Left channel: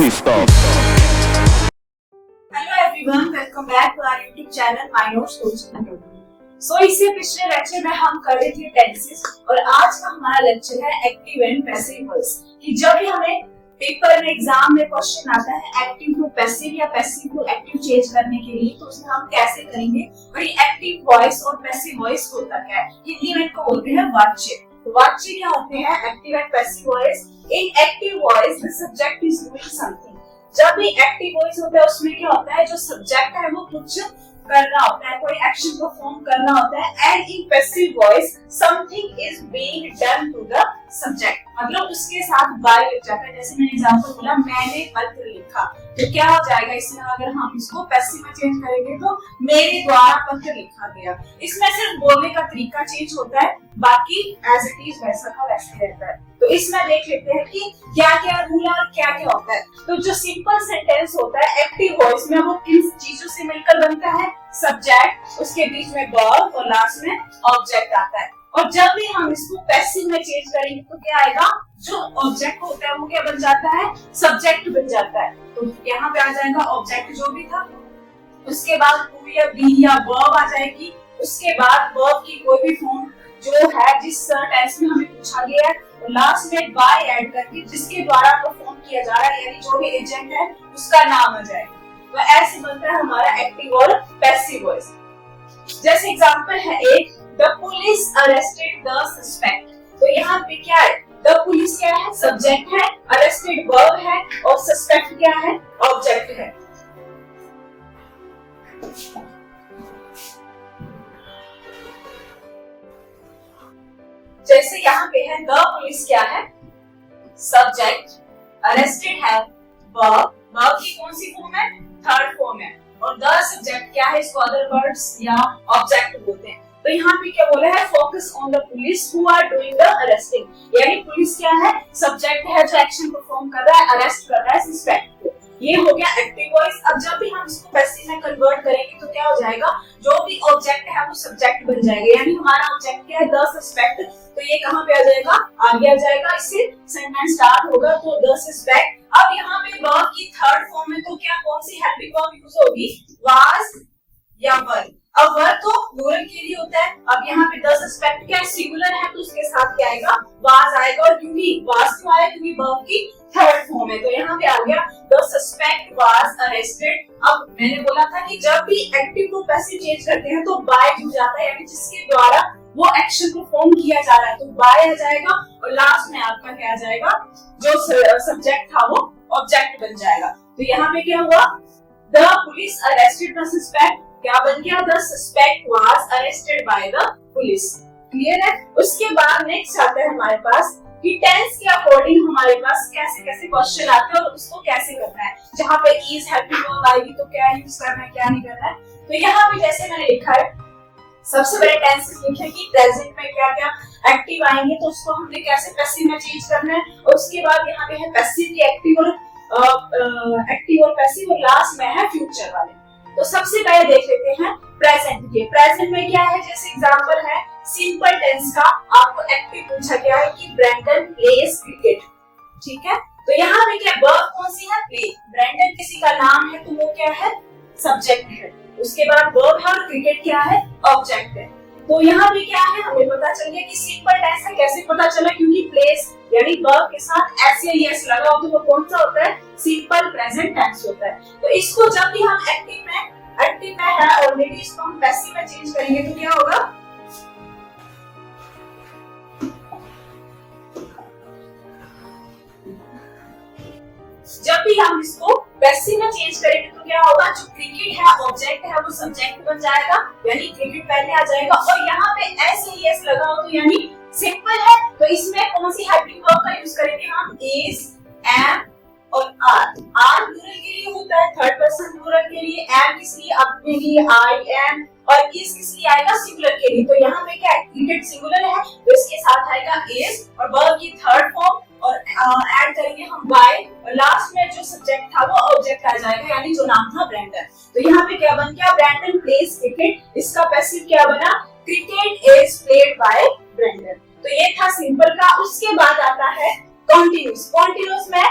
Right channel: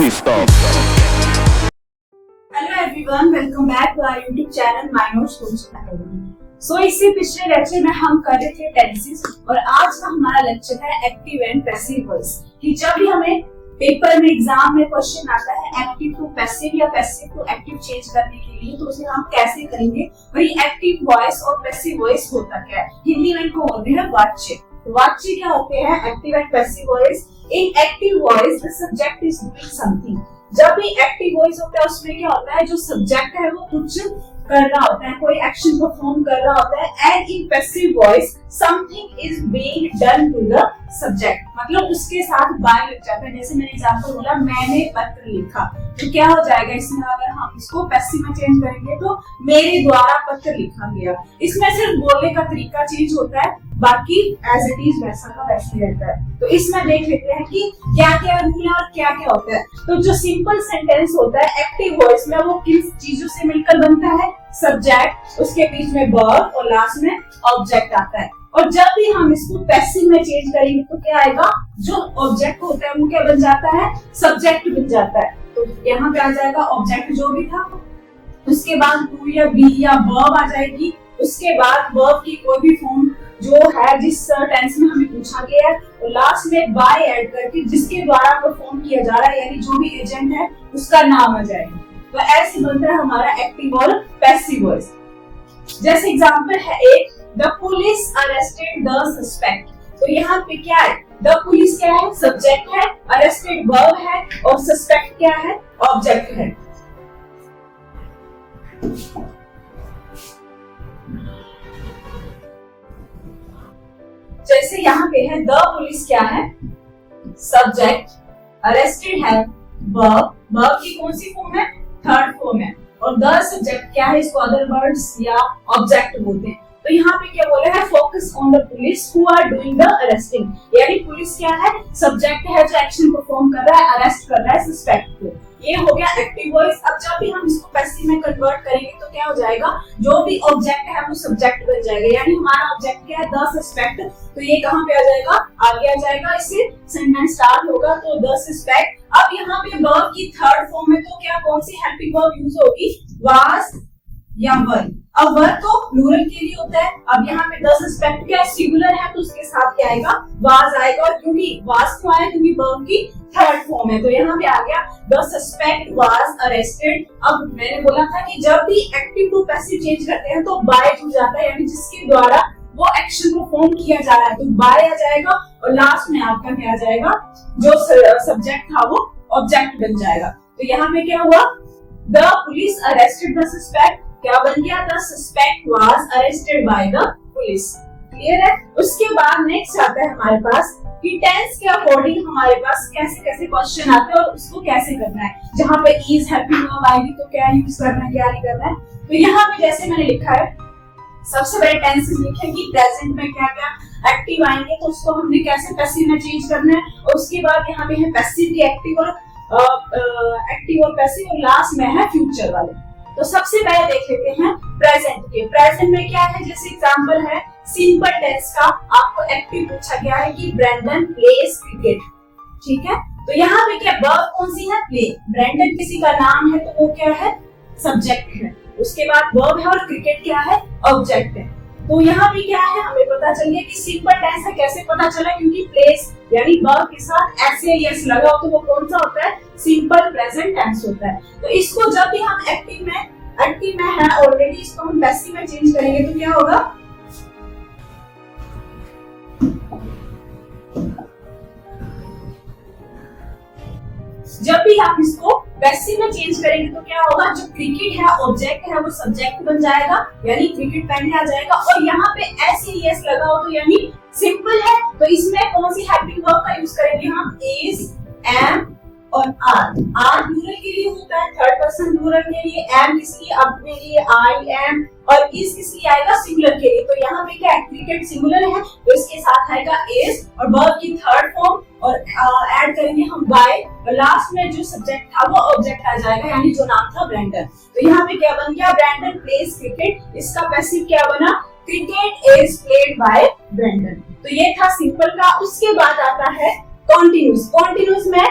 Please stop. Hello everyone, welcome back to our YouTube channel My Notes Coach Academy. इससे पिछले lecture में हम कर रहे थे टेंसेस और आज का हमारा लेक्चर है एक्टिव एंड पैसिव वॉइस। कि जब भी हमें पेपर में एग्जाम में क्वेश्चन आता है एक्टिव टू पैसिव या पैसिव टू एक्टिव चेंज करने के लिए, तो उसे हम कैसे करेंगे और ये एक्टिव वॉइस और पैसिव वॉइस होता क्या है। हिंदी में इनको बोलते हैं वाच्य। वाच्य क्या होते हैं? Active and passive voice. In active voice the subject is doing something. जब भी एक्टिव वॉइस होता है उसमें क्या होता है, जो सब्जेक्ट है वो कुछ कर रहा होता है, कोई एक्शन परफॉर्म कर रहा होता है। And in passive voice something is being done to the subject, मतलब उसके साथ बाय लग जाता है। जैसे मैंने एग्जांपल बोला, मैंने पत्र लिखा, तो क्या हो जाएगा इसमें, अगर हम इसको पैसिव में चेंज करेंगे तो मेरे द्वारा पत्र लिखा गया। इसमें सिर्फ बोलने का तरीका चेंज होता है, बाकी एज इट इज वैसा का वैसा ही रहता है। तो इसमें देख लेते हैं कि क्या क्या रूल है और क्या क्या होता है। तो जो सिंपल सेंटेंस होता है एक्टिव वॉइस में, वो किन चीजों से मिलकर बनता है? सब्जेक्ट, उसके बीच में वर्ब और लास्ट में ऑब्जेक्ट आता है। और जब भी हम इसको पैसिव में चेंज करेंगे तो क्या आएगा, जो ऑब्जेक्ट होता है वो क्या बन जाता है? सब्जेक्ट बन जाता है। तो यहाँ पे आ जाएगा ऑब्जेक्ट जो भी था, उसके बाद टू या बी या वर्ब आ जाएगी, उसके बाद वर्ब की कोई भी फॉर्म जो है जिस टेंस में हमें पूछा गया है, और लास्ट में बाय ऐड करके जिसके द्वारा परफॉर्म किया जा रहा है, यानी जो भी एजेंट है उसका नाम आ जाएगा। तो ऐसे बनता है हमारा एक्टिव और पैसिव वॉइस। जैसे एग्जांपल है एक, the police arrested the suspect. तो यहाँ पे क्या है? द पुलिस क्या है? सब्जेक्ट है, अरेस्टेड वर्ब है और सस्पेक्ट क्या है? ऑब्जेक्ट है। जैसे यहाँ पे है, द पुलिस क्या है? सब्जेक्ट, अरेस्टेड है वर्ब, वर्ब की कौन सी फॉर्म है? थर्ड फॉर्म है। और द सब्जेक्ट क्या है? इसको अदर वर्ड्स या ऑब्जेक्ट बोलते हैं। तो यहाँ पे क्या बोला है? Focus on the police who are doing the arresting, यानी पुलिस क्या है? सब्जेक्ट है जो एक्शन परफॉर्म कर रहा है, अरेस्ट कर रहा है सस्पेक्ट को। ये हो गया एक्टिव वॉइस। अब जब भी हम इसको पैसिव में कन्वर्ट करेंगे तो क्या हो जाएगा, जो भी ऑब्जेक्ट है वो सब्जेक्ट बन जाएगा। यानी हमारा ऑब्जेक्ट क्या है? The suspect. तो ये कहाँ पे आ जाएगा? आगे आ जाएगा, इससे सेंटेंस स्टार्ट होगा। तो द सस्पेक्ट। अब यहाँ पे वर्ब की थर्ड फॉर्म में तो क्या, कौन सी हेल्पिंग वर्ब यूज होगी? वाज या वर। अब वर तो प्लूरल के लिए होता है। अब यहाँ पे द सस्पेक्ट क्या है? सिंगुलर है, तो उसके साथ क्या आएगा? वाज आएगा। और क्योंकि वाज क्यों आया? क्योंकि वर्ब की थर्ड फॉर्म है। तो यहाँ पे आ गया द सस्पेक्ट वाज अरेस्टेड। अब मैंने बोला था कि जब भी एक्टिव टू पैसिव चेंज करते हैं तो बाय जुड़ जाता है, यानी जिसके द्वारा वो एक्शन को परफॉर्म किया जा रहा है, तो बाय आ जाएगा। और लास्ट में आपका क्या आ जाएगा? जो सब्जेक्ट था वो ऑब्जेक्ट बन जाएगा। तो यहाँ पे क्या हुआ? The police arrested the suspect, क्या बन गया? The suspect was arrested by the police. Clear है? उसके बाद नेक्स्ट आता है हमारे पास कि टेंस के अकॉर्डिंग हमारे पास कैसे कैसे क्वेश्चन आते हैं और उसको कैसे करना है। जहाँ पे इज हेल्पिंग वर्ब आएगी तो क्या यूज करना है, क्या नहीं करना है। तो यहाँ पे जैसे मैंने लिखा है, सबसे पहले टेंसेस लिखे कि प्रेजेंट में क्या क्या एक्टिव आएंगे, तो उसको हमने कैसे पैसिव में चेंज करना है। और उसके बाद यहाँ पे है पैसिव की एक्टिव और पैसिव, और लास्ट में है फ्यूचर वाले। तो सबसे पहले देख लेते हैं प्रेजेंट के। प्रेजेंट में क्या है? जैसे एग्जांपल है सिंपल टेंस का, आपको एक्टिव पूछा गया है कि ब्रैंडन प्लेज क्रिकेट। ठीक है, तो यहाँ पे क्या वर्ब कौन सी है? प्ले। ब्रैंडन किसी का नाम है तो वो क्या है? सब्जेक्ट है। उसके बाद वर्ब है और क्रिकेट क्या है? ऑब्जेक्ट है। तो यहाँ पे क्या है? हमें पता चल गया कि सिंपल टेंस है। कैसे पता चला? क्योंकि प्लेस यानी वर्ब के साथ एस या एस लगा हो तो वो कौन सा होता है? सिंपल प्रेजेंट टेंस होता है। तो इसको जब भी हम एक्टिव में है ऑलरेडी, इसको हम पैसिव में चेंज करेंगे तो क्या होगा? जब भी हम इसको पैसिव में चेंज करेंगे तो क्या होगा? जो क्रिकेट है ऑब्जेक्ट है वो सब्जेक्ट बन जाएगा, यानी क्रिकेट पहले आ जाएगा। और यहाँ पे एस या एस लगा हो तो यानी सिंपल है, तो इसमें कौन सी हेल्पिंग वर्ब का यूज करेंगे हम? इज, एम और आर। आर प्लूरल के लिए होता है, थर्ड पर्सन प्लूरल के लिए। एम किस लिए? अपने लिए, आई एम। और इज किस लिए आएगा? सिंगुलर के लिए। तो यहाँ पे क्या है? क्रिकेट सिंगुलर है तो इसके साथ आएगा इज और वर्ब की थर्ड फॉर्म, और ऐड करेंगे हम बाय, और लास्ट में जो सब्जेक्ट था वो ऑब्जेक्ट आ जाएगा, यानी जो नाम था ब्रैंडन। तो यहाँ पे क्या बन गया? Brandon plays cricket. इसका पैसिव क्या बना? Cricket is played by Brandon. तो ये था सिंपल का। उसके बाद आता है कॉन्टिन्यूस। कॉन्टिन्यूस में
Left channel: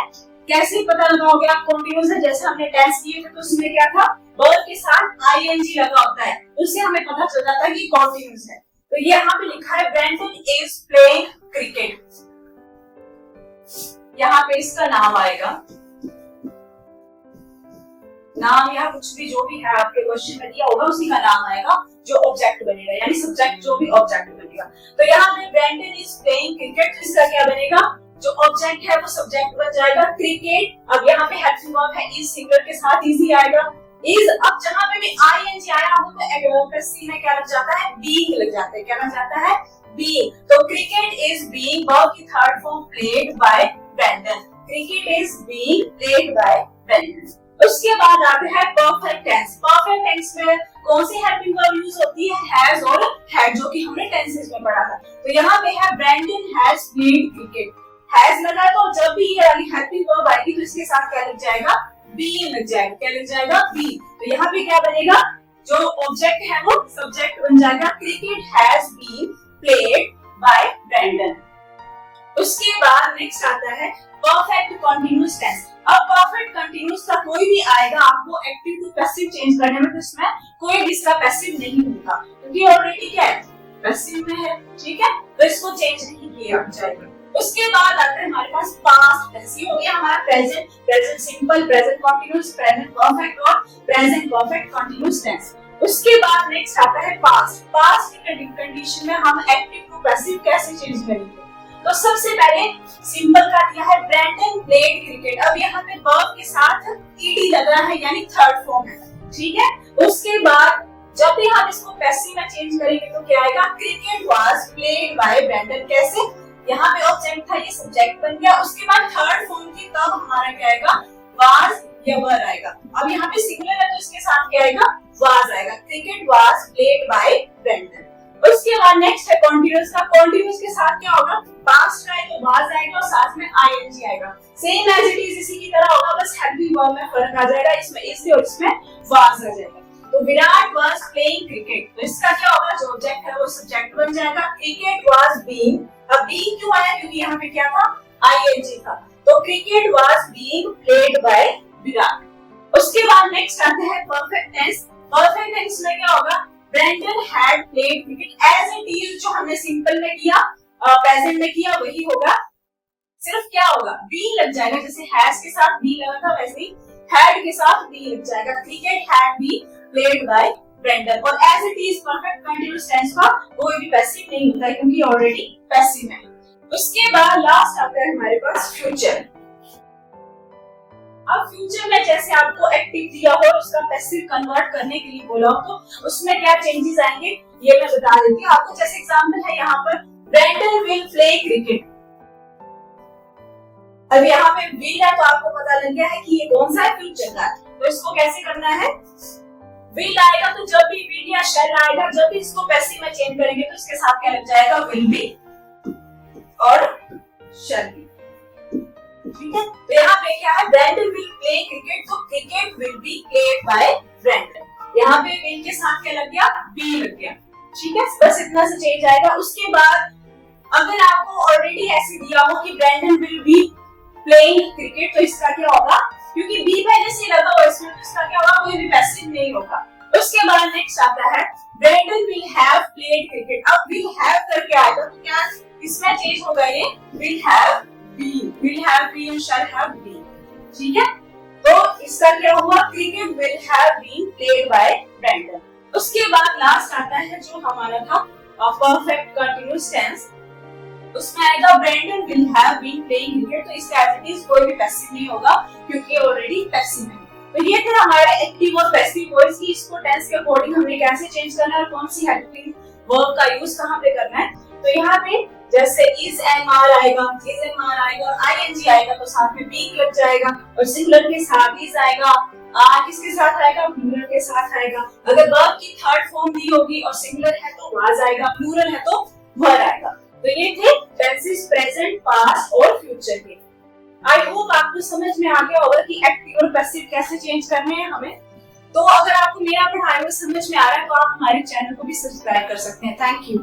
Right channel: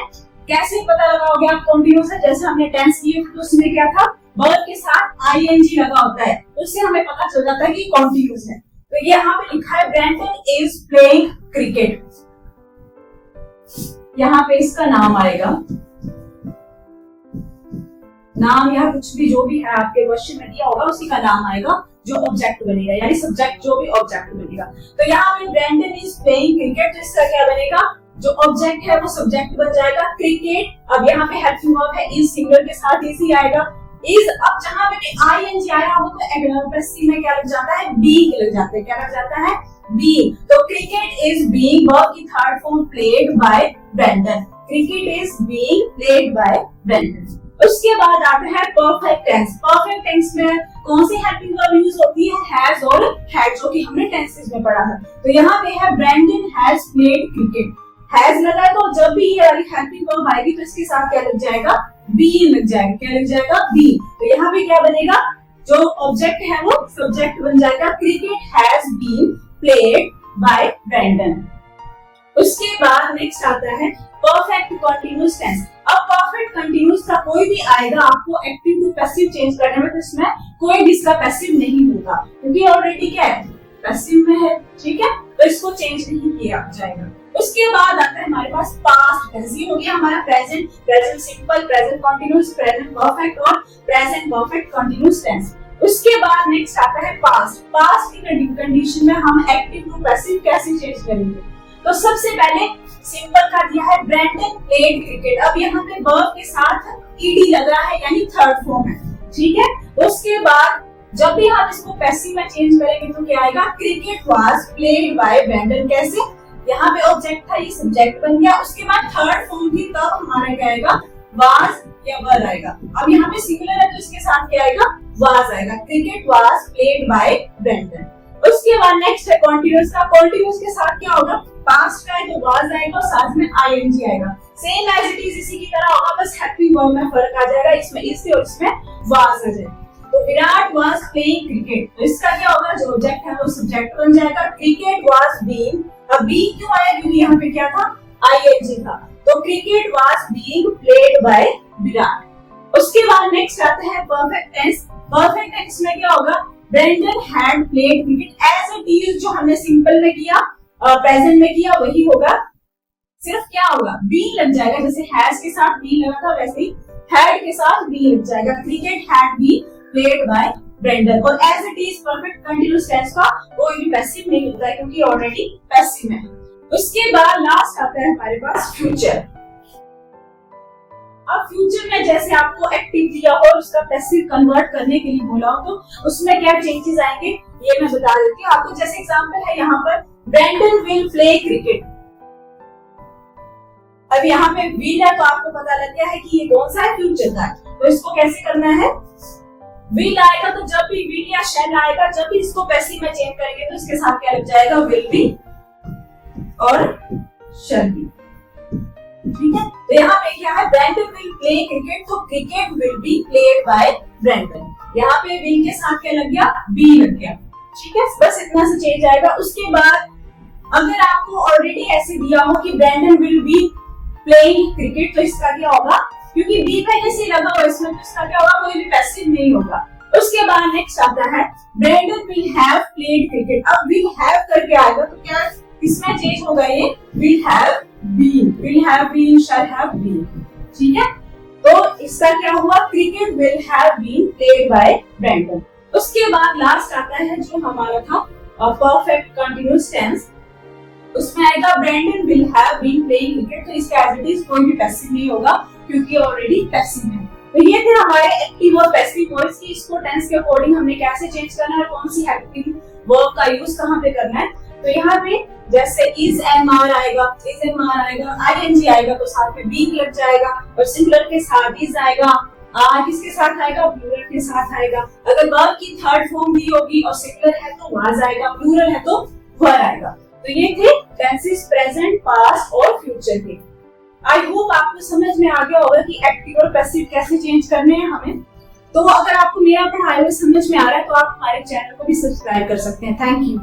कैसे पता लगाओगे आप कंटिन्यूअस है? जैसे हमने टेंस किए थे तो उसमें क्या था, वर्ब के साथ आईएनजी लगा होता है, उससे हमें पता चल जाता है कि कंटिन्यूअस है। तो ये यहाँ पे लिखा है ब्रैंडन इज प्लेइंग क्रिकेट, यहाँ पे इसका नाम आएगा, नाम या कुछ भी जो भी है आपके क्वेश्चन में दिया होगा उसी का नाम आएगा जो ऑब्जेक्ट बनेगा, यानी सब्जेक्ट जो भी ऑब्जेक्ट बनेगा। तो यहाँ पे ब्रैंडन इज प्लेइंग क्रिकेट, तो इसका क्या बनेगा, जो ऑब्जेक्ट है वो सब्जेक्ट बन जाएगा क्रिकेट। अब यहाँ पे हेल्पिंग वर्ब है, इज सिंगुलर के साथ इज ही आएगा। इज, अब जहां पे भी आईएनजी आया हो तो पैसिव में क्या लग जाता है, बीइंग लग जाता है। क्या लग जाता है, बीइंग। तो क्रिकेट इज बीइंग, वर्ब की third form played by Brandon, cricket is being played by Brandon. उसके बाद आता है परफेक्ट टेंस। परफेक्ट टेंस में कौन सी हेल्पिंग वर्ब यूज होती है, हैज और हैड, जो कि हमने टेंसेस में पढ़ा था। तो यहाँ पे है Brandon has played cricket, has लगा है तो जब भी ये वाली हेल्पिंग वर्ब आएगी तो इसके साथ क्या लग जाएगा, बीइंग लग जाएगा। क्या लग जाएगा, बीइंग। तो यहाँ पे क्या बनेगा, जो ऑब्जेक्ट है वो सब्जेक्ट बन जाएगा, cricket has been played by Brandon. उसके बाद नेक्स्ट आता है परफेक्ट कंटीन्यूअस टेंस। अब परफेक्ट कंटीन्यूअस का कोई भी आएगा आपको एक्टिव टू पैसिव चेंज करने में, तो इसमें कोई भी इसका पैसिव नहीं होगा क्योंकि ऑलरेडी क्या है, पैसिव में है। ठीक है, तो इसको चेंज नहीं किया जाएगा। उसके बाद आता है हमारे पास पास्ट टेंस। ये हो गया हमारा present, present simple, present continuous, present perfect और प्रेजेंट परफेक्ट कंटीन्यूअस टेंस। उसके बाद नेक्स्ट आता है पास्ट। पास्ट की कंडीशन में हम एक्टिव टू पैसिव कैसे चेंज करेंगे, तो सबसे पहले सिंपल का दिया है ब्रैंडन प्लेड क्रिकेट। अब यहाँ पे वर्ब के साथ ईडी लग रहा है यानी थर्ड फॉर्म है। ठीक है, उसके बाद जब भी हम इसको पैसिव में चेंज करेंगे तो क्या आएगा, cricket was played by Brandon. कैसे, यहाँ पे ऑब्जेक्ट था, ये सब्जेक्ट बन गया। उसके बाद थर्ड फॉर्म थी, तब हमारा क्या आएगा, वाज या वर आएगा। अब यहाँ पे सिंगुलर है तो इसके साथ क्या आएगा, वाज आएगा, cricket was played by Brandon. उसके बाद नेक्स्ट है कॉन्टिन्यूअस का। कॉन्टिन्यूअस के साथ क्या होगा, पास्ट का है तो वाज आएगा और साथ में आईएनजी आएगा। सेम एज इट इज इसी की तरह होगा, बस हेल्पिंग वर्ब में फर्क आ जाएगा, इसमें इज से और इसमें वाज आ जाएगा। तो विराट वाज प्लेइंग क्रिकेट, तो इसका क्या होगा, जो ऑब्जेक्ट है वो सब्जेक्ट बन जाएगा, क्रिकेट वाज बीइंग। अब बीइंग क्यों आया, क्योंकि यहाँ पे क्या था, आईएनजी था, तो cricket was being played bye Virat. उसके बाद नेक्स्ट आता है परफेक्ट टेंस। परफेक्ट टेंस में क्या होगा, Brandon had played cricket as it is, जो हमने सिंपल में किया प्रेजेंट में किया वही होगा, सिर्फ क्या होगा, बी लग जाएगा। जैसे हैज के साथ बी लगा था वैसे ही हैड के साथ बी लग जाएगा, cricket had be played by Brandon. और as it is perfect continuous tense का कोई भी पैसिव नहीं होता है क्योंकि ऑलरेडी पैसिव है। उसके बाद लास्ट आता है हमारे पास फ्यूचर। अब फ्यूचर में जैसे आपको एक्टिव दिया हो और उसका पैसिव कन्वर्ट करने के लिए बोला हो तो उसमें क्या चेंजेस आएंगे ये मैं बता देती हूँ आपको। जैसे एग्जांपल है यहाँ पर, ब्रैंडन विल प्ले क्रिकेट। अब यहाँ पे विल है तो आपको पता लग गया है कि ये कौन सा है, फ्यूचर का। तो इसको कैसे करना है, विल आएगा तो जब भी विल या शैल आएगा, जब भी इसको पैसिव में चेंज करेंगे तो इसके साथ क्या लग जाएगा, विल बी और शैल बी। ठीक है, तो यहाँ पे क्या है, ब्रैंडन विल प्ले क्रिकेट, तो cricket will be played by Brandon. यहाँ पे विल के साथ क्या लग गया, बी लग गया। ठीक है, बस इतना से चेंज आएगा। उसके बाद अगर आपको ऑलरेडी ऐसे दिया हो कि Brandon will be playing cricket, तो इसका क्या होगा, क्योंकि बी पहले से लगा हुआ इसमें, तो इसका क्या होगा, कोई भी पैसिव नहीं होगा। उसके बाद नेक्स्ट आता है Brandon will have played cricket. अब विल हैव करके आएगा तो क्या इसमें चेंज होगा, ये will have been, shall have been. ठीक है, तो इसका क्या हुआ, cricket will have been played by Brandon. उसके बाद लास्ट आता है जो हमारा था परफेक्ट कंटीन्यूअस टेंस, उसमें आएगा Brandon will have been playing cricket, तो इसका एज इट इज कोई भी पैसिव नहीं होगा क्योंकि ऑलरेडी पैसिव है। तो ये थे हमारे एक्टिव और पैसिव वर्ड्स की, इसको टेंस के अकॉर्डिंग हमने कैसे चेंज करना है और कौन सी हेल्पिंग वर्ब का यूज कहाँ पे करना है। तो यहाँ पे जैसे इज एंड आर आएगा, इज एंड आर आएगा, आईएनजी आएगा तो साथ में बी लग जाएगा, और सिंगुलर के साथ इज आएगा, आर किसके साथ आएगा, प्लूरल के साथ आएगा। अगर वर्ब की थर्ड फॉर्म दी होगी और सिंगुलर है तो वाज आएगा, प्लूरल है तो वर आएगा। तो ये थे टेंसेस प्रेजेंट, पास्ट और फ्यूचर के। आई होप आपको समझ में आ गया होगा कि एक्टिव और पैसिव कैसे चेंज करने हैं हमें। तो अगर आपको मेरा पढ़ाया हुआ समझ में आ रहा है तो आप हमारे चैनल को भी सब्सक्राइब कर सकते हैं। Thank you.